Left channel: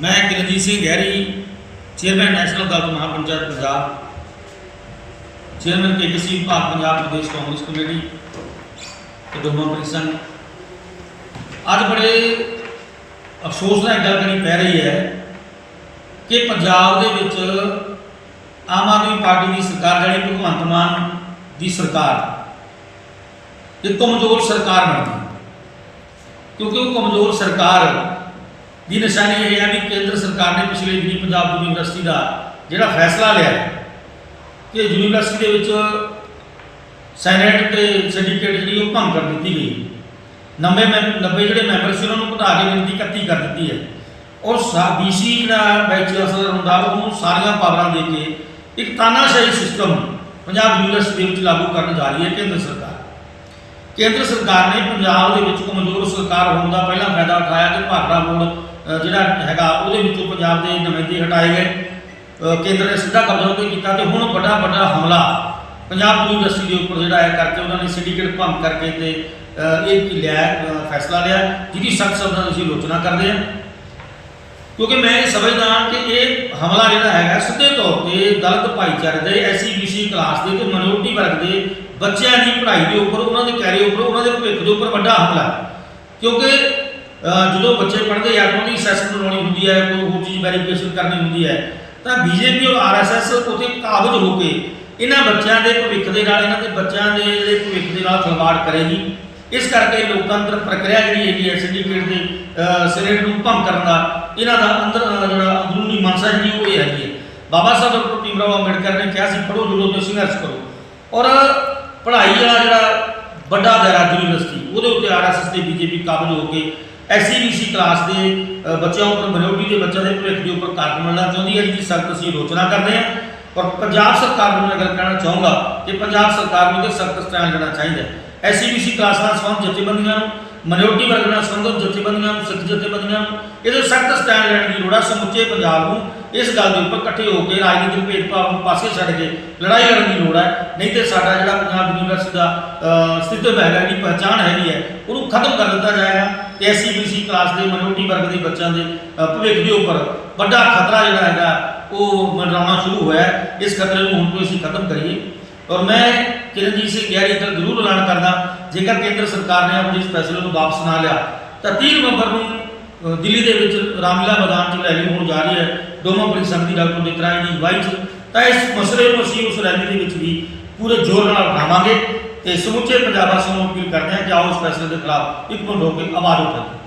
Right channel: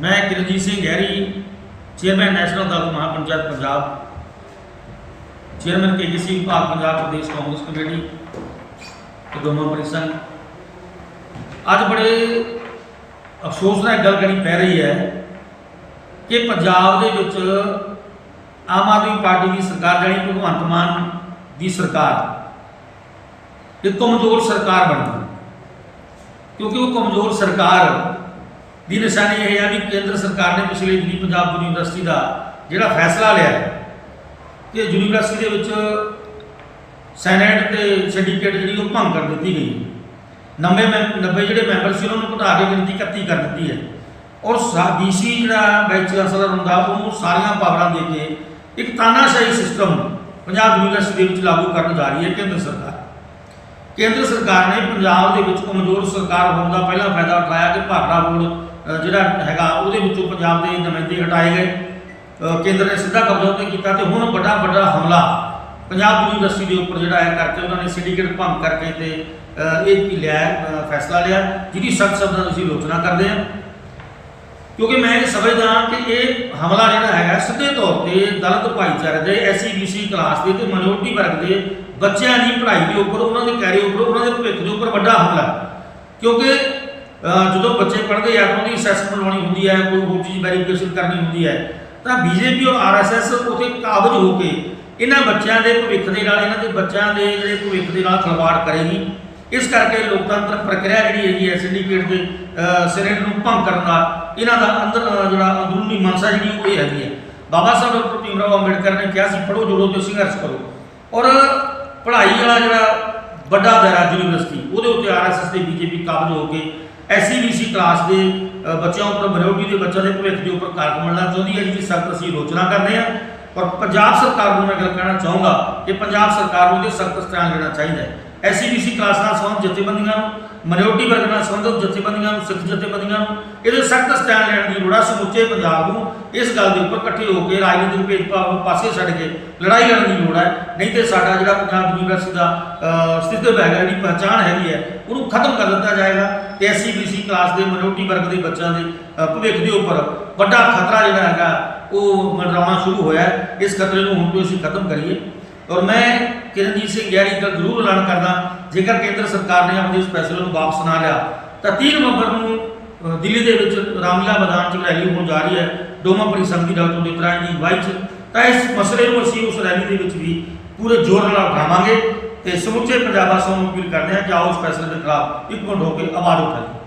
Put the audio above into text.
ਮੈਂ Kiranjit Singh Gehri chairman national Dal Mahapanchayat Punjab chairman KKC ਵਿਭਾਗ Punjab Pradesh Congress committee ਤੇ ਦੋਨੋਂ ਪਰਿਸੰਘ ਅੱਜ ਬੜੇ ਅਫਸੋਸ ਨਾਲ ਇੱਕ ਗੱਲ ਕਰਨੀ ਪੈ ਰਹੀ ਹੈ ਕਿ ਪੰਜਾਬ ਦੇ ਵਿੱਚ ਆਮ ਆਦਮੀ ਪਾਰਟੀ ਦੀ ਸਰਕਾਰ ਜਿਹੜੀ ਭਗਵੰਤ ਮਾਨ ਦੀ ਸਰਕਾਰ ਇੱਕ ਕਮਜ਼ੋਰ ਸਰਕਾਰ ਬਣ ਗਈ। ਕਿਉਂਕਿ ਉਹ ਕਮਜ਼ੋਰ ਸਰਕਾਰ ਦੀ ਨਿਸ਼ਾਨੀ ਇਹ ਹੈ ਵੀ ਕੇਂਦਰ ਸਰਕਾਰ ਨੇ ਪਿਛਲੇ ਦਿਨੀ ਪੰਜਾਬ ਯੂਨੀਵਰਸਿਟੀ ਦਾ ਜਿਹੜਾ ਫੈਸਲਾ ਲਿਆ ਕਿ ਯੂਨੀਵਰਸਿਟੀ ਦੇ ਵਿੱਚ ਸੈਨੇਟ ਤੇ ਸਿੰਡੀਕੇਟ ਜਿਹੜੀ ਉਹ ਭੰਗ ਕਰ ਦਿੱਤੀ ਗਈ 90 ਮੈਂ 90 ਜਿਹੜੇ ਮੈਂਬਰ ਸੀ ਉਹਨਾਂ ਨੂੰ ਘਟਾ ਕੇ ਗਿਣਤੀ 31 ਕਰ ਦਿੱਤੀ ਹੈ। ਔਰ ਬੀਸੀ ਜਿਹੜਾ ਵਾਈਸ ਚਾਂਸਲਰ ਹੁੰਦਾ, ਉਹਨੂੰ ਸਾਰੀਆਂ ਪਾਵਰਾਂ ਦੇ ਕੇ ਇੱਕ ਤਾਨਾਸ਼ਾਹੀ ਸਿਸਟਮ ਪੰਜਾਬ ਯੂਨੀਵਰਸਿਟੀ ਦੇ ਵਿੱਚ ਲਾਗੂ ਕਰਨ ਜਾ ਰਹੀ ਹੈ ਕੇਂਦਰ ਸਰਕਾਰ। ਕੇਂਦਰ ਸਰਕਾਰ ਨੇ ਪੰਜਾਬ ਦੇ ਵਿੱਚ ਕਮਜ਼ੋਰ ਸਰਕਾਰ ਹੋਣ ਦਾ ਪਹਿਲਾ ਫਾਇਦਾ ਉਠਾਇਆ ਕਿ ਭਾਖੜਾ ਬੋਰਡ ਜਿਹੜਾ ਹੈਗਾ ਉਹਦੇ ਵਿੱਚੋਂ ਪੰਜਾਬ ਦੇ ਨੁਮਾਇੰਦੇ ਹਟਾਏ ਗਏ। ਕੇਂਦਰ ਨੇ ਸਿੱਧਾ ਕਬਜ਼ਾ ਉੱਤੇ ਕੀਤਾ ਤੇ ਹੁਣ ਵੱਡਾ ਵੱਡਾ ਹਮਲਾ ਪੰਜਾਬ ਯੂਨੀਵਰਸਿਟੀ ਦੇ ਉੱਪਰ ਜਿਹੜਾ ਹੈ ਕਰਕੇ ਉਹਨਾਂ ਨੇ ਸਿੰਡੀਕੇਟ ਭੰਗ ਕਰਕੇ ਤੇ ਇਹ ਕੀ ਲਿਆ ਫੈਸਲਾ ਲਿਆ, ਜਿਹਦੀ ਸਖਤ ਸ਼ਬਦਾਂ ਨਾਲ ਅਸੀਂ ਆਲੋਚਨਾ ਕਰਦੇ ਹਾਂ। ਕਿਉਂਕਿ ਮੈਂ ਇਹ ਸਮਝਦਾ ਕਿ ਇਹ ਹਮਲਾ ਜਿਹੜਾ ਹੈਗਾ ਸਿੱਧੇ ਤੌਰ ਤੇ ਦਲਿਤ ਭਾਈਚਾਰੇ ਦੇ ਐਸਸੀ ਬੀਸੀ ਕਲਾਸ ਦੇ ਤੇ ਮਿਨੋਰਟੀ ਵਰਗ ਦੇ ਬੱਚਿਆਂ ਦੀ ਪੜ੍ਹਾਈ ਦੇ ਉੱਪਰ, ਉਹਨਾਂ ਦੇ ਕੈਰੀਅਰ ਉੱਪਰ, ਉਹਨਾਂ ਦੇ ਭਵਿੱਖ ਦੇ ਉੱਪਰ ਵੱਡਾ ਹਮਲਾ ਕਿਉਂਕਿ ਜਦੋਂ ਬੱਚੇ ਪੜ੍ਹਦੇ ਆ ਤਾਂ ਉਹਦੀ ਅਸੈਸਮੈਂਟ ਲਾਉਣੀ ਹੁੰਦੀ ਹੈ ਕੋਈ ਹੋਰ ਚੀਜ਼ ਵੈਰੀਫਿਕੇਸ਼ਨ ਕਰਨੀ ਹੁੰਦੀ ਹੈ। ਤਾਂ ਬੀਜੇਪੀ ਔਰ ਆਰਐਸਐਸ ਉਥੇ ਕਾਬਜ ਹੋ ਕੇ ਇਹਨਾਂ ਬੱਚਿਆਂ ਦੇ ਭਵਿੱਖ ਦੇ ਨਾਲ ਇਹਨਾਂ ਦੇ ਬੱਚਿਆਂ ਦੇ ਜਿਹੜੇ ਭਵਿੱਖ ਦੇ ਨਾਲ ਖਿਲਵਾੜ ਕਰੇਗੀ। ਇਸ ਕਰਕੇ ਲੋਕਤੰਤਰ ਪ੍ਰਕਿਰਿਆ ਜਿਹੜੀ ਹੈਗੀ ਹੈ ਸਿੰਡੀਕੇਟ ਦੇ ਅ, ਨੂੰ ਭੰਗ ਕਰਨ ਦਾ ਇਹਨਾਂ ਦਾ ਅੰਦਰ ਜਿਹੜਾ ਅੰਦਰੂਨੀ ਮਨਸਾ ਜਿਹੜੀ ਉਹ ਇਹ ਹੈਗੀ ਹੈ। ਬਾਬਾ ਸਾਹਿਬ ਡਾਕਟਰ ਭੀਮਰਾਓ ਅੰਬੇਡਕਰ ਨੇ ਕਿਹਾ ਸੀ ਪੜ੍ਹੋ ਜੁੜੋ ਤੇ ਸੰਘਰਸ਼ ਕਰੋ। ਔਰ ਪੜ੍ਹਾਈ ਵਾਲਾ ਜਿਹੜਾ ਵੱਡਾ ਦਾਇਰਾ ਯੂਨੀਵਰਸਿਟੀ ਉਹਦੇ ਉੱਤੇ ਆਰਐਸਐਸ ਤੇ ਬੀਜੇਪੀ ਕਾਬਜ ਹੋ ਕੇ ਐਸਸੀਬੀਸੀ ਕਲਾਸ ਦੇ ਬੱਚਿਆਂ ਉੱਪਰ ਮਿਨੋਰਟੀ ਦੇ ਬੱਚਿਆਂ ਦੇ ਭਵਿੱਖ ਦੇ ਉੱਪਰ ਕਾਰਕ ਮਿਲਣਾ ਚਾਹੁੰਦੀ ਹੈ ਜਿਹਦੀ ਸਖਤ ਅਸੀਂ ਆਲੋਚਨਾ ਕਰਦੇ ਹਾਂ। ਔਰ ਪੰਜਾਬ ਸਰਕਾਰ ਨੂੰ ਮੈਂ ਗੱਲ ਕਹਿਣਾ ਚਾਹੂੰਗਾ ਕਿ ਪੰਜਾਬ ਸਰਕਾਰ ਨੂੰ ਤੇ ਸਖਤ ਸਟੈਂਡ ਲੈਣਾ ਚਾਹੀਦਾ ਹੈ। ਐਸਸੀਬੀਸੀ ਕਲਾਸ ਨਾਲ ਸੰਬੰਧ ਜਥੇਬੰਦੀਆਂ ਨੂੰ ਮਿਨੋਰਟੀ ਵਰਗ ਨਾਲ ਸੰਬੰਧਿਤ ਜਥੇਬੰਦੀਆਂ ਨੂੰ ਸਿੱਖ ਜਥੇਬੰਦੀਆਂ ਨੂੰ ਇਹਦੇ ਸਖਤ ਸਟੈਂਡ ਲੈਣ ਦੀ ਲੋੜ ਹੈ ਸਮੁੱਚੇ ਪੰਜਾਬ ਨੂੰ ਇਸ ਗੱਲ ਦੇ ਉੱਪਰ ਇਕੱਠੇ ਹੋ ਕੇ ਰਾਜਨੀਤਿਕ ਭੇਦਭਾਵ ਨੂੰ ਪਾਸੇ ਛੱਡ ਕੇ ਲੜਾਈ ਲੜਨ ਦੀ ਲੋੜ ਹੈ ਨਹੀਂ ਤੇ ਸਾਡਾ ਜਿਹੜਾ ਪੰਜਾਬ ਯੂਨੀਵਰਸਿਟੀ ਦਾ ਅ, ਸਥਿਤਵ ਹੈਗਾ ਜਿਹੜੀ ਪਹਿਚਾਣ ਹੈਗੀ ਹੈ ਉਹਨੂੰ ਖਤਮ ਕਰ ਦਿੱਤਾ ਜਾਏਗਾ ਤੇ ਐਸਸੀਬੀਸੀ ਕਲਾਸ ਦੇ ਮਨੋਰਟੀ ਵਰਗ ਦੇ ਬੱਚਿਆਂ ਦੇ ਭਵਿੱਖ ਦੇ ਉੱਪਰ ਵੱਡਾ ਖਤਰਾ ਜਿਹੜਾ ਹੈਗਾ ਉਹ ਮੰਡਰਾਉਣਾ ਸ਼ੁਰੂ ਹੋਇਆ ਇਸ ਖਤਰੇ ਨੂੰ ਹੁਣ ਤੋਂ ਅਸੀਂ ਖਤਮ ਕਰੀਏ। ਔਰ ਮੈਂ ਕਿਰਨਜੀਤ ਸਿੰਘ ਗਹਿਰੀ ਦਾ ਜ਼ਰੂਰ ਐਲਾਨ ਕਰਦਾ ਜੇਕਰ ਕੇਂਦਰ ਸਰਕਾਰ ਨੇ ਆਪਣੇ ਇਸ ਫੈਸਲੇ ਨੂੰ ਵਾਪਸ ਨਾ ਲਿਆ, ਤਾਂ 30 ਨਵੰਬਰ ਨੂੰ ਦਿੱਲੀ ਦੇ ਵਿੱਚ ਰਾਮਲੀਲਾ ਮੈਦਾਨ 'ਚ ਰੈਲੀ ਹੋਣ ਜਾ ਰਹੀ ਹੈ। ਡੋਮਾ ਪਰਿਸੰਘ ਦੀ ਡਾਕਟਰ ਉਦਿਤ ਰਾਜ ਦੀ ਅਗਵਾਈ 'ਚ। ਤਾਂ ਇਸ ਮਸਲੇ ਨੂੰ ਅਸੀਂ ਉਸ ਰੈਲੀ ਦੇ ਵਿੱਚ ਵੀ ਪੂਰੇ ਜ਼ੋਰ ਨਾਲ ਉਠਾਵਾਂਗੇ ਤੇ ਸਮੁੱਚੇ ਪੰਜਾਬ ਵਾਸੀਆਂ ਨੂੰ ਅਪੀਲ ਕਰਦੇ ਹਾਂ ਕਿ ਆਓ ਉਸ ਫੈਸਲੇ ਦੇ ਖਿਲਾਫ ਇੱਕ ਮਿੰਟ ਹੋ ਕੇ ਆਵਾਜ਼ ਉਠਾਈਏ।